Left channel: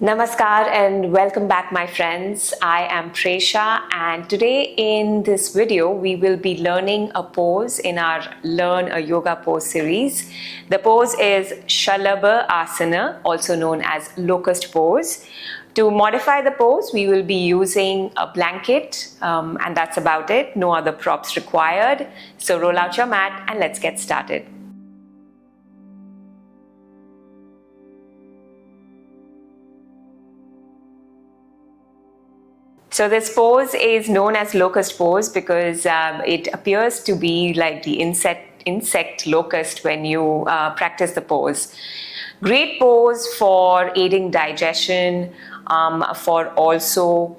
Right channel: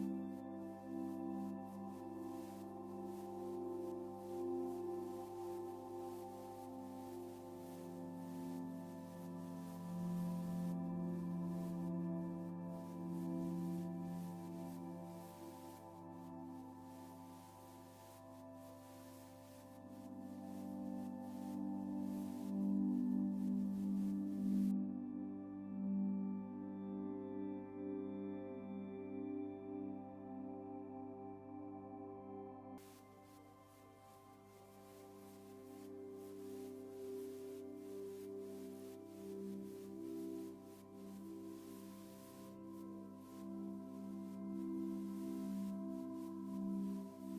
Namaskar and welcome back, my friends. I am Presha, and today in this video we will be learning a pose in our Learn a Yoga Pose series. The pose is Salabhasana, also known as Locust Pose. To modify the pose, we will be using a blanket, and that's about it. No other props required. So roll out your mat and let's get started. So this pose is known as locust pose because it appears to be like the insect locust when you practice the pose. Great pose for aiding digestion, for also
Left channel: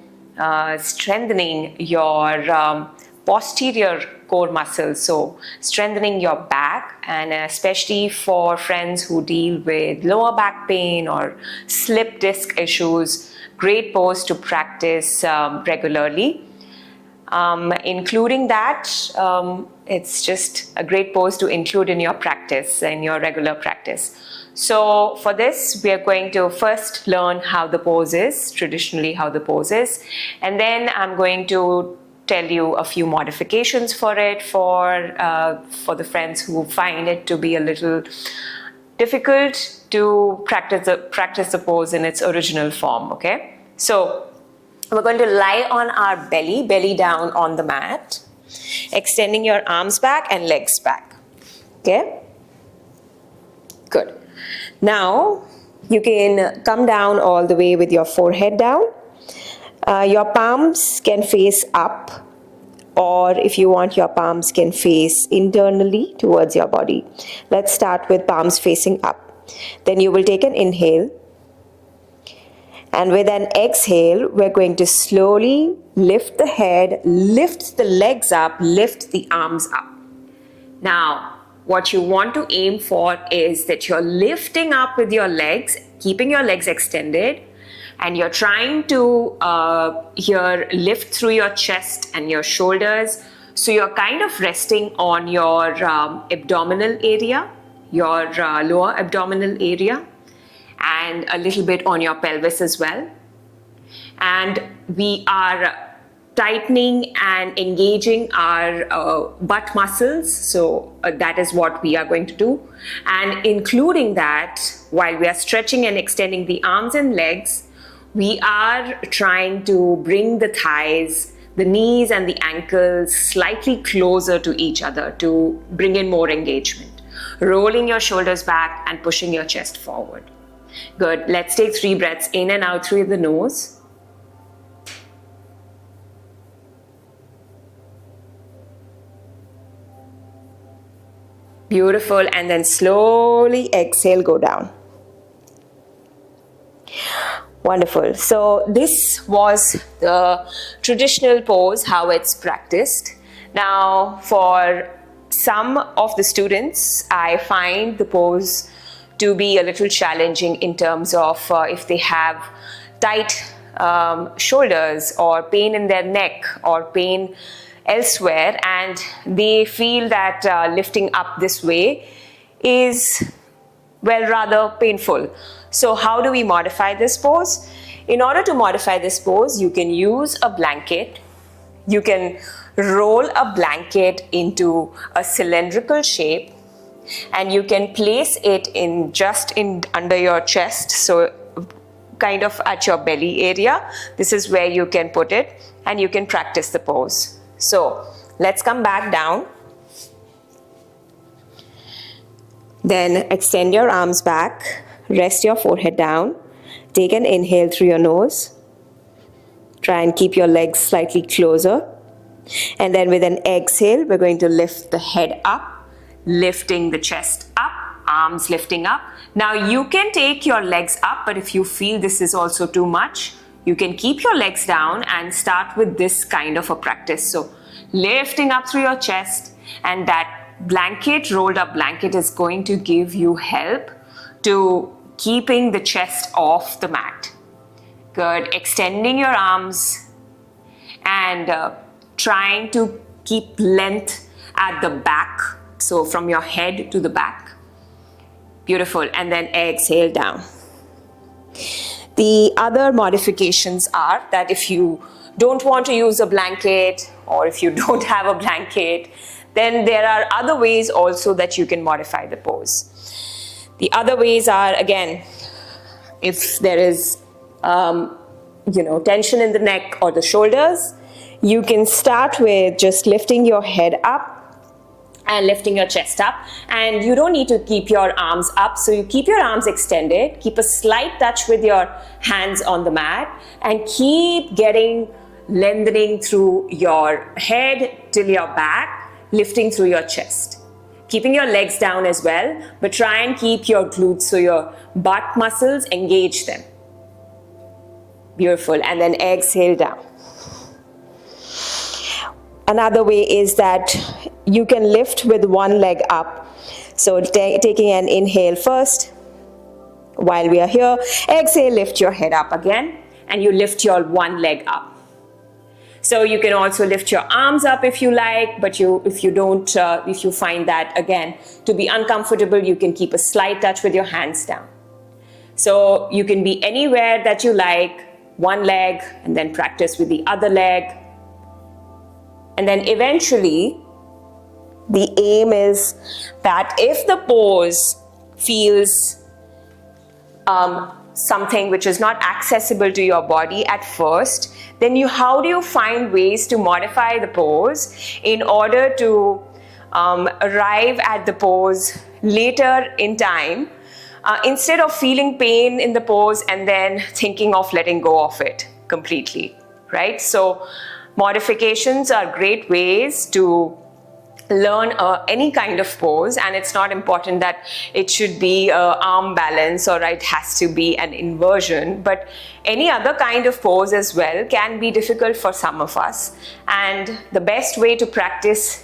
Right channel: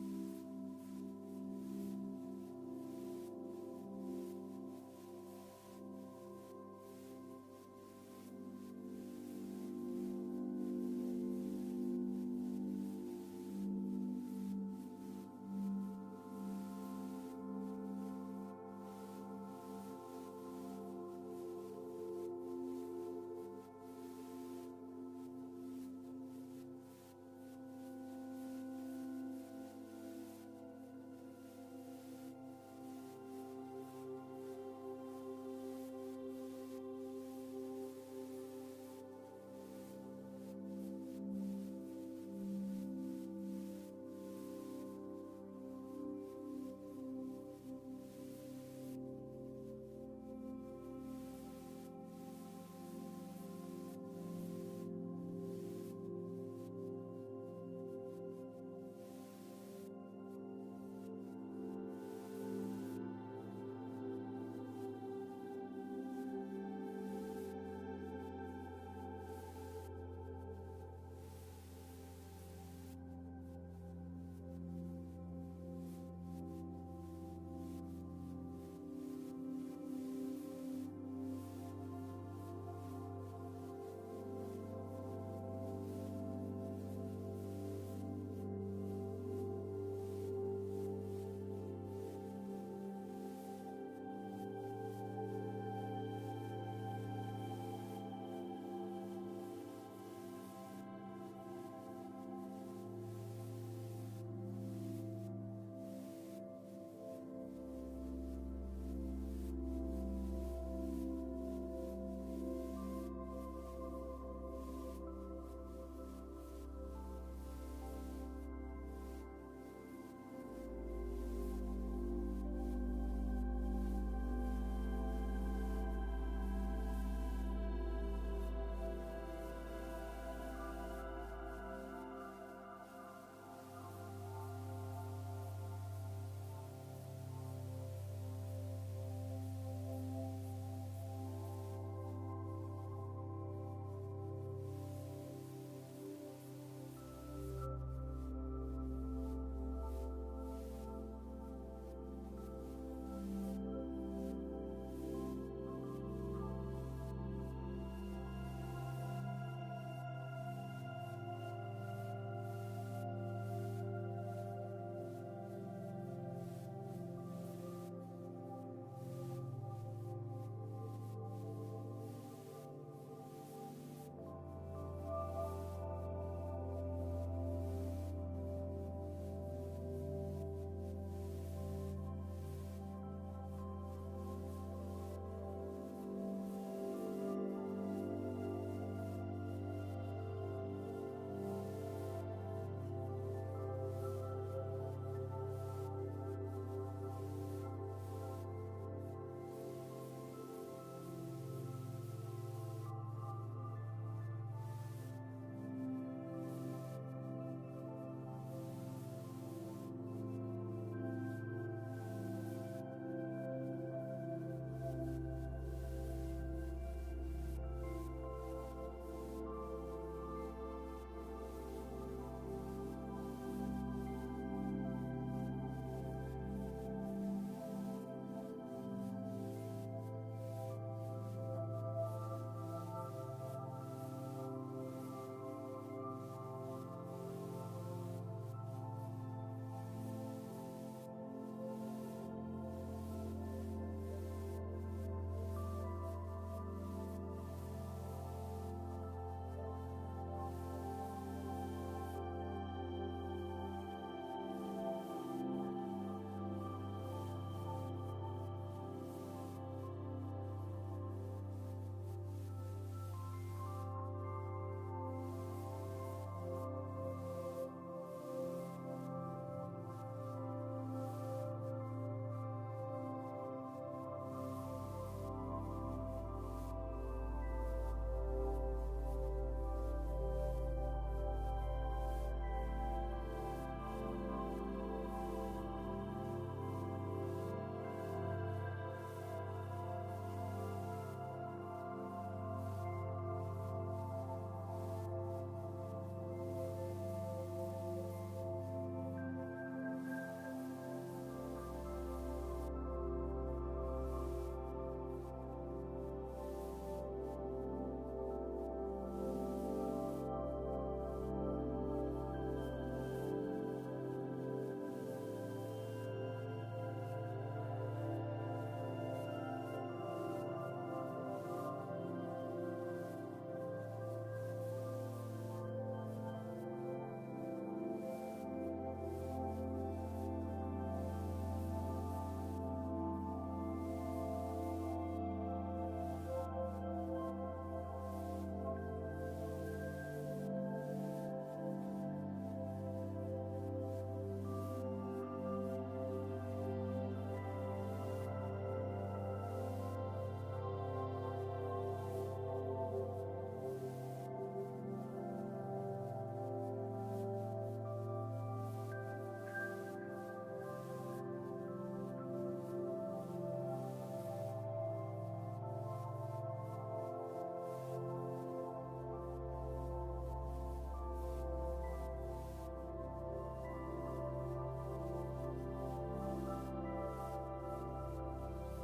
strengthening your posterior core muscles, so strengthening your back, and especially for friends who deal with lower back pain or slip disc issues. Great pose to practice regularly. Including that, it's just a great pose to include in your practice, in your regular practice. So for this, we are going to first learn how the pose is, traditionally how the pose is, and then I'm going to tell you a few modifications for it for the friends who find it to be a little difficult to practice the pose in its original form. Okay, so we're going to lie on our belly down on the mat, extending your arms back and legs back. Okay, good. Now you can come down all the way with your forehead down. Your palms can face up, or if you want, your palms can face internally towards your body. Let's start with palms facing up. Then you will take an inhale, and with an exhale, we're going to slowly lift the head, lift the legs up, lift the arms up. Now, what you want to aim for is that you're lifting up with your legs, keeping your legs extended, and you're trying to here lift through your chest and your shoulders. So you're kind of resting on your abdominal area, your lower abdominal area, and a little bit on your pelvis as well. And we are tightening and engaging our butt muscles. So that is what we are going to do. And including that, while we are stretching and extending the arms and legs, we are trying to bring the thighs, the knees and the ankles slightly closer to each other to bring in more engagement. Rolling your shoulders back and pushing your chest forward. Good. Let's take 3 breaths in and out through the nose. Beautiful. And then slowly exhale, go down. Wonderful. So this was the traditional pose, how it's practiced. Now, for some of the students, I find the pose to be a little challenging in terms of if they have tight shoulders or pain in their neck or pain elsewhere, and they feel that lifting up this way is, well, rather painful. So how do we modify this pose? In order to modify this pose, you can use a blanket. You can roll a blanket into a cylindrical shape, and you can place it in under your chest, so kind of at your belly area. This is where you can put it, and you can practice the pose. So let's come back down. Then extend your arms back, rest your forehead down, take an inhale through your nose, try and keep your legs slightly closer, and then with an exhale, we're going to lift the head up, lifting the chest up, arms lifting up. Now you can take your legs up, but if you feel this is also too much, you can keep your legs down and start with this kind of a practice. So lifting up through your chest, and that blanket, rolled up blanket, is going to give you help to keeping the chest off the mat. Good. Extending your arms and trying to keep length at the back, so from your head to the back. Beautiful. And then exhale down. The other modifications are that if you don't want to use a blanket, or if you don't have a blanket, then there are other ways also that you can modify the pose. The other ways are, again, if there is tension in the neck or the shoulders, you can start with just lifting your head up and lifting your chest up, and you don't need to keep your arms up, so you keep your arms extended, keep a slight touch with your hands on the mat, and keep lengthening through your head till your back, lifting through your chest. Keeping your legs down as well, but try and keep your glutes, so your butt muscles, engage them. Beautiful. And then exhale down. Another way is that you can lift with one leg up. So taking an inhale first while we are here. Exhale, lift your head up again, and you lift your one leg up. So you can also lift your arms up if you like, but if you find that again to be uncomfortable, you can keep a slight touch with your hands down. So you can be anywhere that you like, one leg, and then practice with the other leg. And then eventually, the aim is that if the pose feels something which is not accessible to your body at first, then how do you find ways to modify the pose in order to arrive at the pose later in time, instead of feeling pain in the pose and then thinking of letting go of it completely, right? So modifications are great ways to learn any kind of pose, and it's not important that it should be arm balance or it has to be an inversion, but any other kind of pose as well can be difficult for some of us. And the best way to practice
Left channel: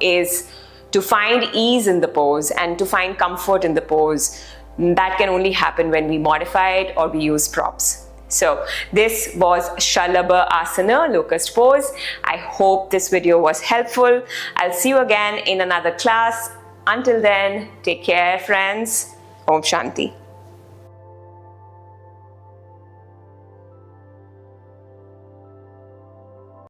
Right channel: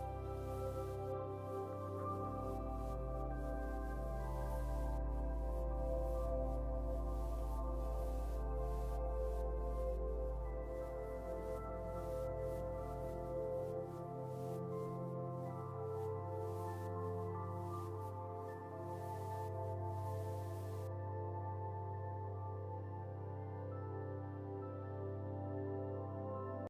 is to find ease in the pose and to find comfort in the pose. That can only happen when we modify it or we use props. So this was Salabhasana, Locust Pose. I hope this video was helpful. I'll see you again in another class. Until then, take care, friends. Om Shanti.